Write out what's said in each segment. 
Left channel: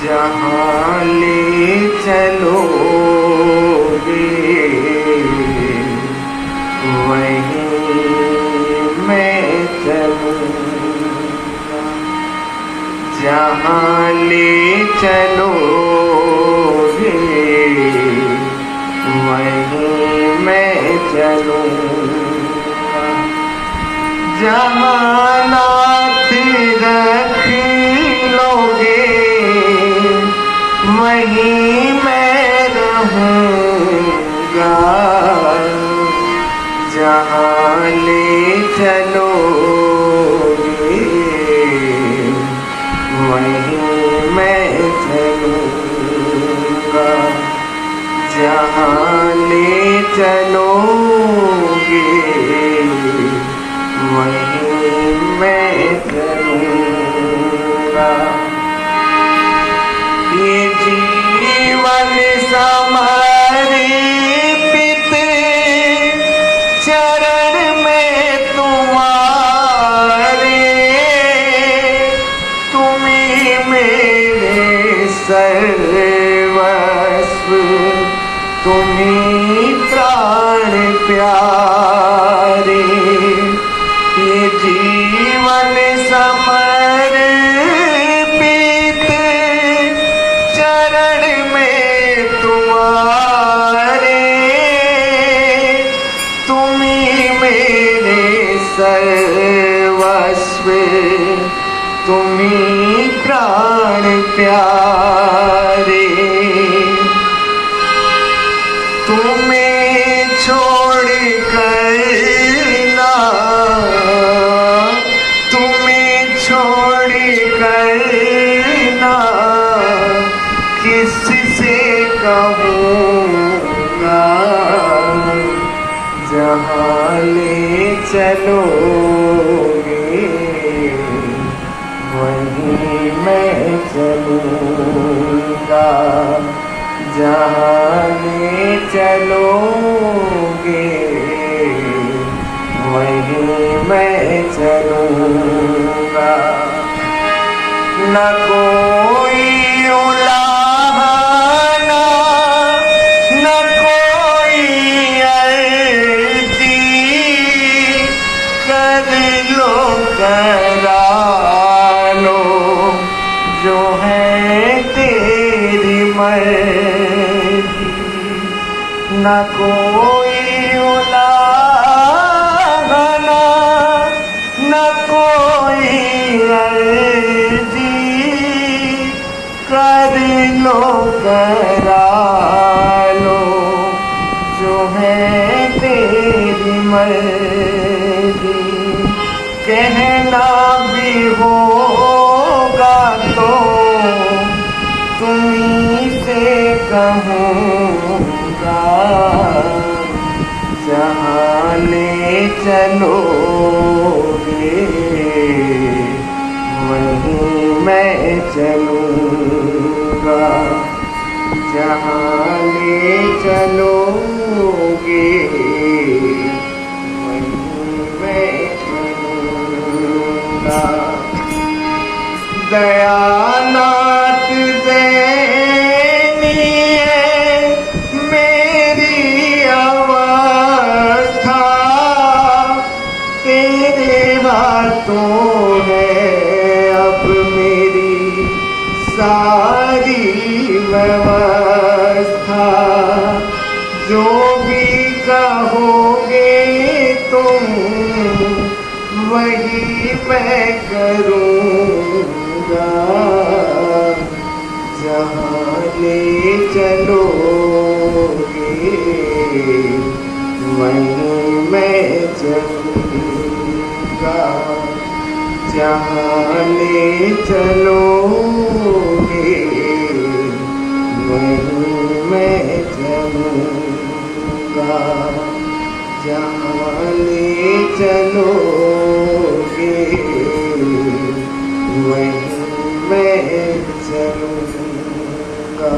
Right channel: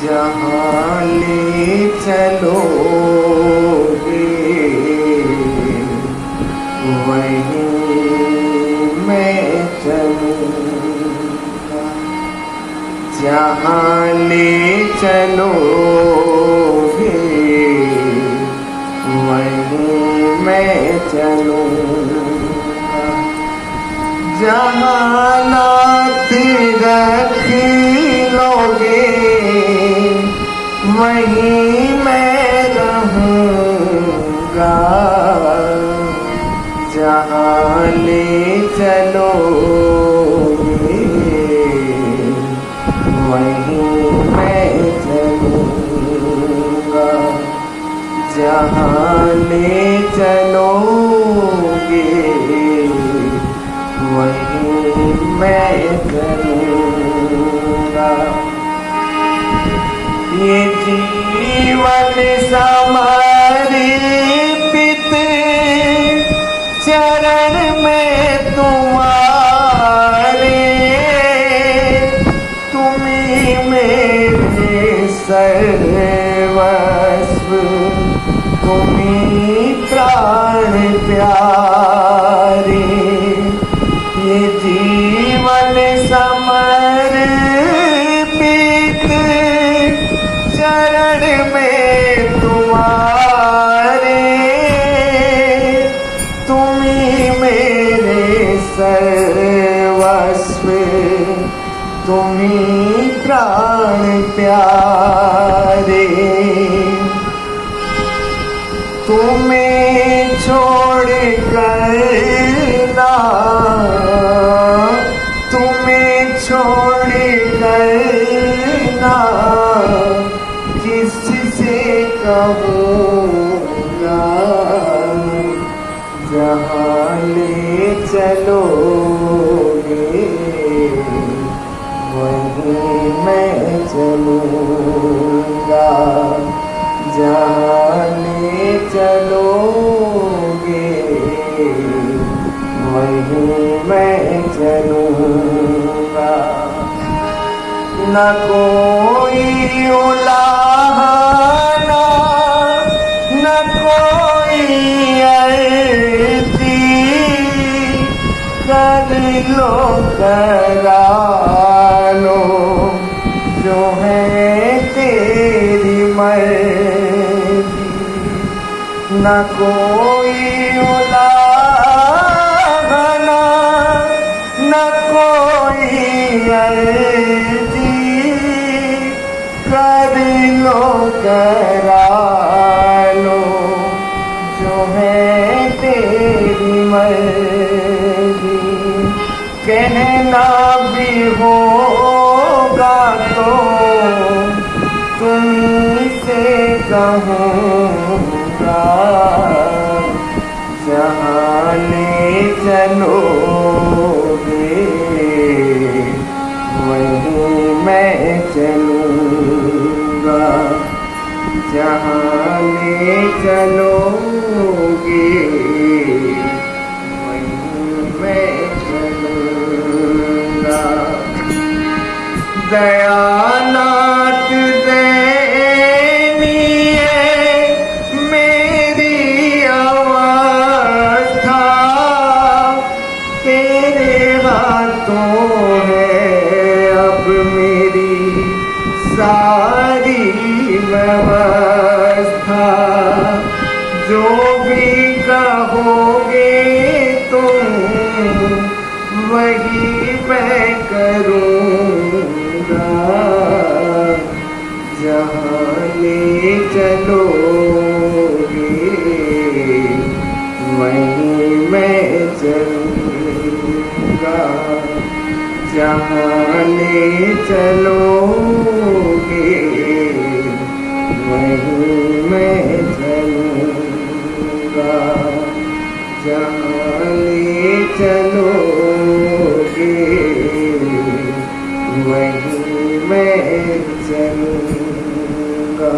जहाँ ले चलोगे वहीं मैं चलूँगा। जहाँ ले चलोगे वहीं मैं चलूँगा। जहाँ नाथ रख लोगे वहीं मैं रहूँगा। जहाँ ले चलोगे वहीं मैं चलूँगा। जहाँ ले चलोगे वहीं मैं चलूँगा। ये जीवन समर्पित चरण में तुम्हारे, तुम्ही मेरे सर्वस्व, तुम्ही प्राण प्यारे। ये जीवन समर्पित चरण में तुम्हारे, तुम्ही मेरे सर्वस्व, तुम्ही प्राण प्यारे। तुम्हें छोड़ कर ना, तुम्हें छोड़ कर ना किससे कहूँगा। जहाँ ले चलोगे वहीं मैं चलूँगा। जहाँ ले चलोगे वहीं मैं चलूँगा। न कोई उलाहना, न कोई अर्जी, कर लो करा लो जो है तेरी मर्जी। न कोई उलाहना, न कोई अर्जी, कर लो करा लो जो है तेरी मर्जी। कहना भी होगा तो तुम्हीं से कहूँगा। जहाँ ले चलोगे वहीं मैं चलूँगा। जहाँ ले चलोगे वहीं मैं चलूँगा। दयानाथ दयनीय मेरी अवस्था, तेरे हाथों है अब मेरी सारी व्यवस्था। जो भी कहोगे तुम वही मैं करूँगा। जहाँ ले चलोगे वहीं मैं चलूँगा। जहाँ ले चलोगे वहीं मैं चलूँगा। जहाँ ले चलोगे वहीं मैं चलूँगा।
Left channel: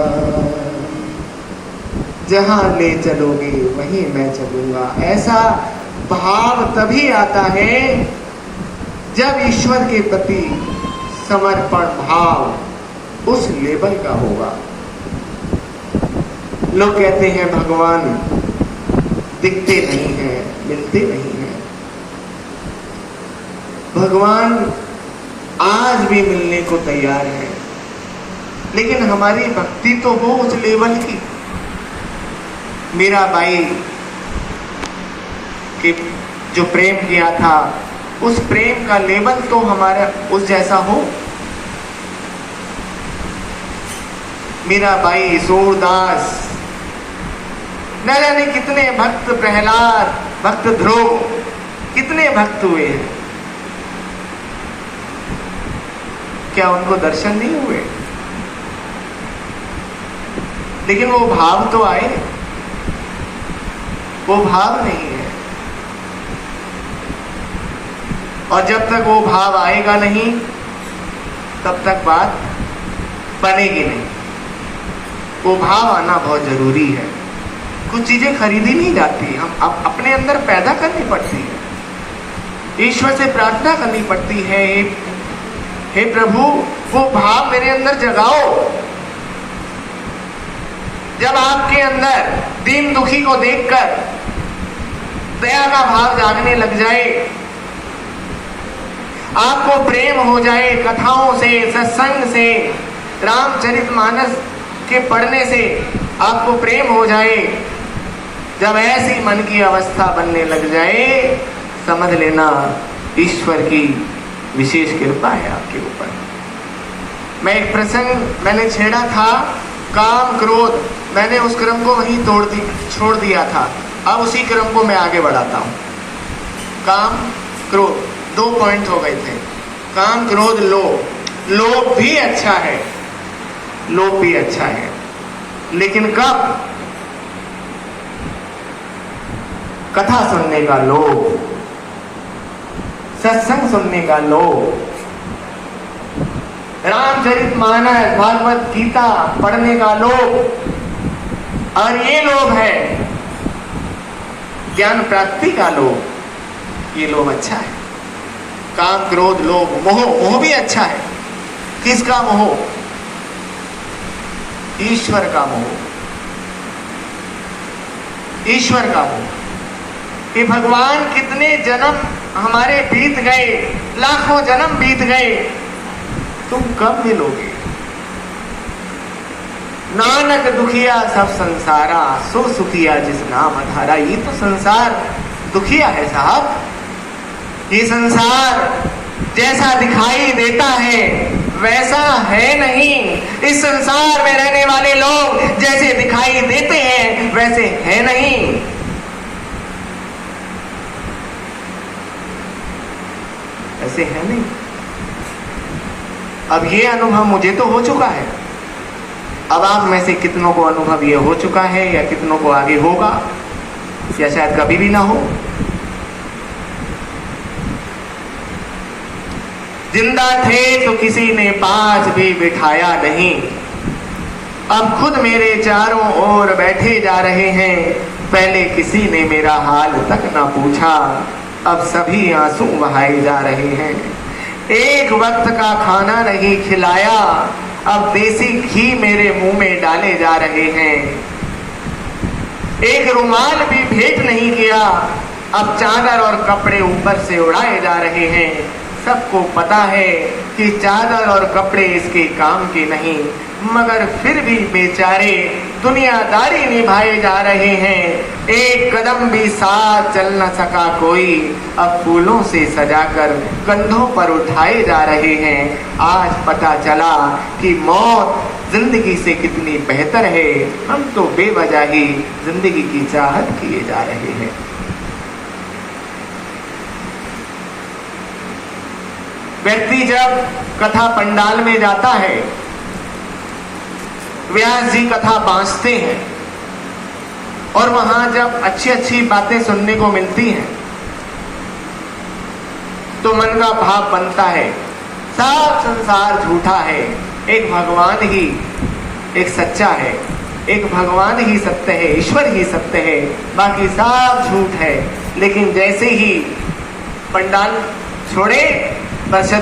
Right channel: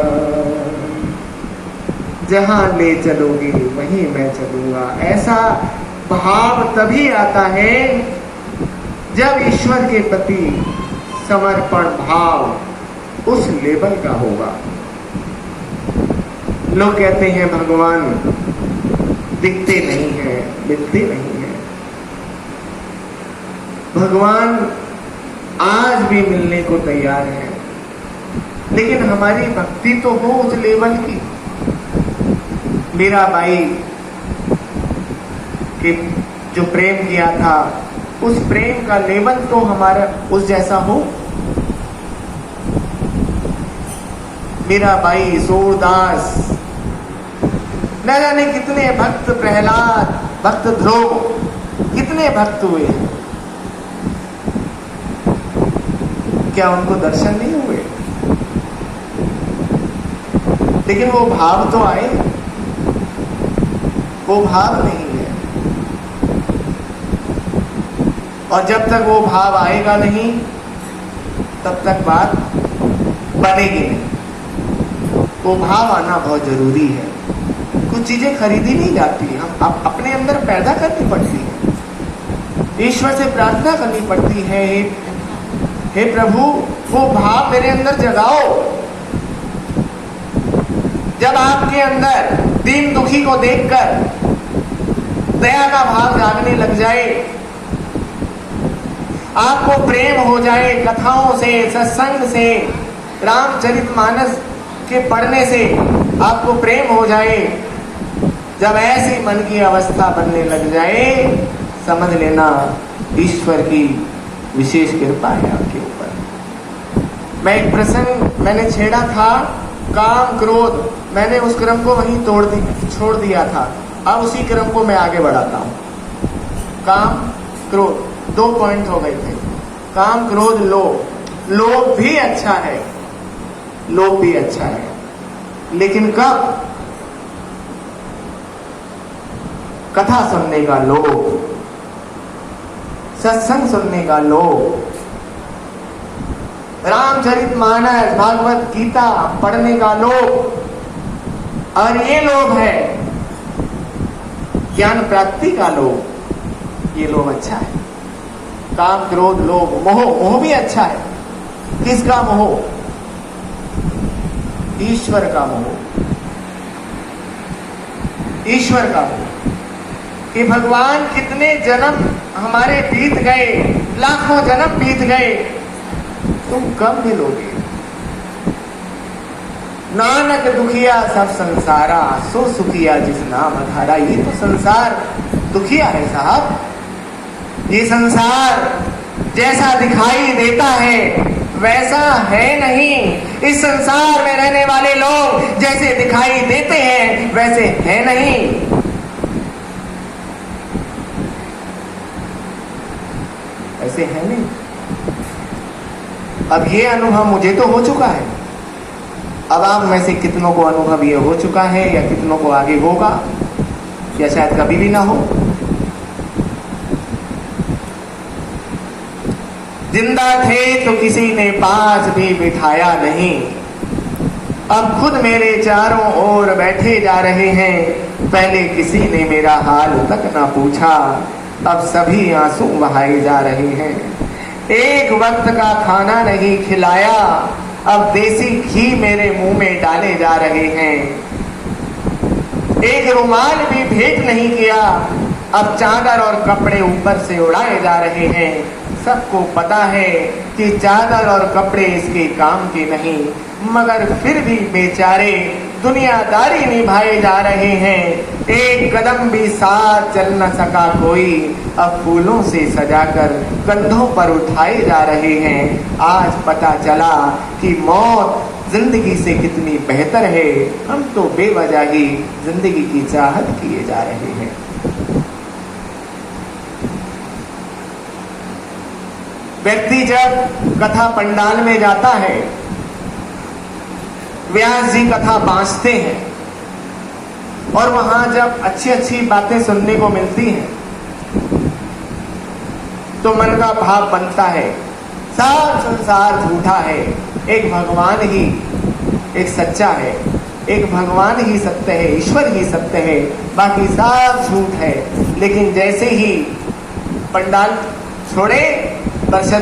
जहाँ ले चलोगे वहीं मैं चलूँगा। ऐसा भाव तभी आता है जब ईश्वर के प्रति समर्पण भाव उस लेवल का होगा। लोग कहते हैं भगवान दिखते नहीं हैं, मिलते नहीं हैं। भगवान आज भी मिलने को तैयार है, लेकिन हमारी भक्ति तो हो उस लेवल की। मीराबाई के जो प्रेम किया था, उस प्रेम का लेवल तो हमारा उस जैसा हो। मीराबाई, सूरदास, न जाने कितने भक्त, प्रहलाद, भक्त ध्रुव, कितने भक्त हुए हैं। क्या उनको दर्शन नहीं हुए? लेकिन वो भाव तो आए। वो भाव नहीं है, और जब तक वो भाव आएगा नहीं तब तक बात बनेगी नहीं। वो भाव आना बहुत जरूरी है। कुछ चीजें खरीदी नहीं जाती, हम अपने अंदर पैदा करनी पड़ती है। ईश्वर से प्रार्थना करनी पड़ती है, हे प्रभु वो भाव मेरे अंदर जगाओ। जब आपके अंदर दीन दुखी को देखकर दया का भाव जागने लग जाए, आपको प्रेम हो जाए कथाओं से, सत्संग से, रामचरितमानस के पढ़ने से आपको प्रेम हो जाए, जब ऐसी मन की अवस्था बनने लग जाए, समझ लेना ईश्वर की विशेष कृपा है आपके ऊपर। मैं एक प्रसंग मैंने छेड़ा था, काम क्रोध, मैंने उस क्रम को वहीं छोड़ दिया था। अब उसी क्रम को मैं आगे बढ़ाता हूँ। काम क्रोध 2 पॉइंट हो गए थे। काम क्रोध लोभ। लोभ भी अच्छा है, लोभ भी अच्छा है, लेकिन कब? कथा सुनने का लोभ, सत्संग सुनने का लोभ, रामचरितमानस, भागवत गीता पढ़ने का लोभ, और ये लोभ है ज्ञान प्राप्ति का लोभ। ये लोभ अच्छा है। काम क्रोध लोभ, मोह, मोह भी अच्छा है। किसका मोह? ईश्वर का मोह। ईश्वर का मोह कि भगवान कितने जन्म हमारे बीत गए, लाखों जन्म बीत गए, तुम कब मिलोगे? नानक दुखिया सब संसारा, सो सुखिया जिस नाम अधारा। ये तो संसार दुखिया है साहब। ये संसार जैसा दिखाई देता है वैसा है नहीं। इस संसार में रहने वाले लोग जैसे दिखाई देते हैं वैसे है नहीं। ऐसे है नहीं। अब ये अनुभव मुझे तो हो चुका है। अब आप में से कितनों को अनुभव ये हो चुका है, या कितनों को आगे होगा, या शायद कभी भी ना हो। जिंदा थे तो किसी ने पास भी बिठाया नहीं, अब खुद मेरे चारों ओर बैठे जा रहे हैं। पहले किसी ने मेरा हाल तक ना पूछा, अब सभी आंसू बहाए जा रहे हैं। एक वक्त का खाना नहीं खिलाया, अब देसी घी मेरे मुंह में डाले जा रहे हैं। एक रुमाल भी भेंट नहीं किया, अब चादर और कपड़े ऊपर से उड़ाए जा रहे हैं। सबको पता है कि चादर और कपड़े इसके काम के नहीं, मगर फिर भी बेचारे दुनियादारी निभाए जा रहे हैं। एक कदम भी साथ चल न सका कोई, अब फूलों से सजाकर कंधों पर उठाए जा रहे हैं। आज पता चला कि मौत जिंदगी से कितनी बेहतर है, हम तो बेवजह ही जिंदगी की चाहत किए जा रहे हैं। व्यक्ति जब कथा पंडाल में जाता है, व्यास जी कथा बांचते हैं, और वहां जब अच्छी अच्छी बातें सुनने को मिलती हैं तो मन का भाव बनता है सब संसार झूठा है, एक भगवान ही एक सच्चा है, एक भगवान ही सत्य है, ईश्वर ही सत्य है, बाकी सब झूठ है। लेकिन जैसे ही पंडाल छोड़े, बस